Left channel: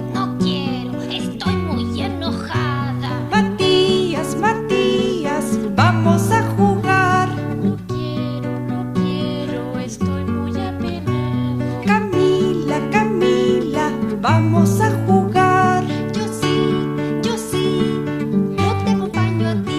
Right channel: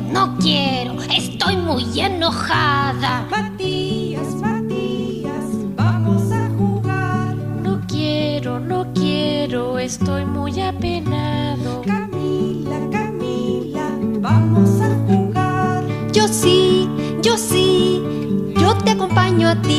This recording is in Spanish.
no quiero, estoy muy enojada. Matías, Matías, vamos a jugar. No quiero, estoy muy apenado. Camila, Camila, vamos a jugar. Yo sí, yo te acompaño a ti.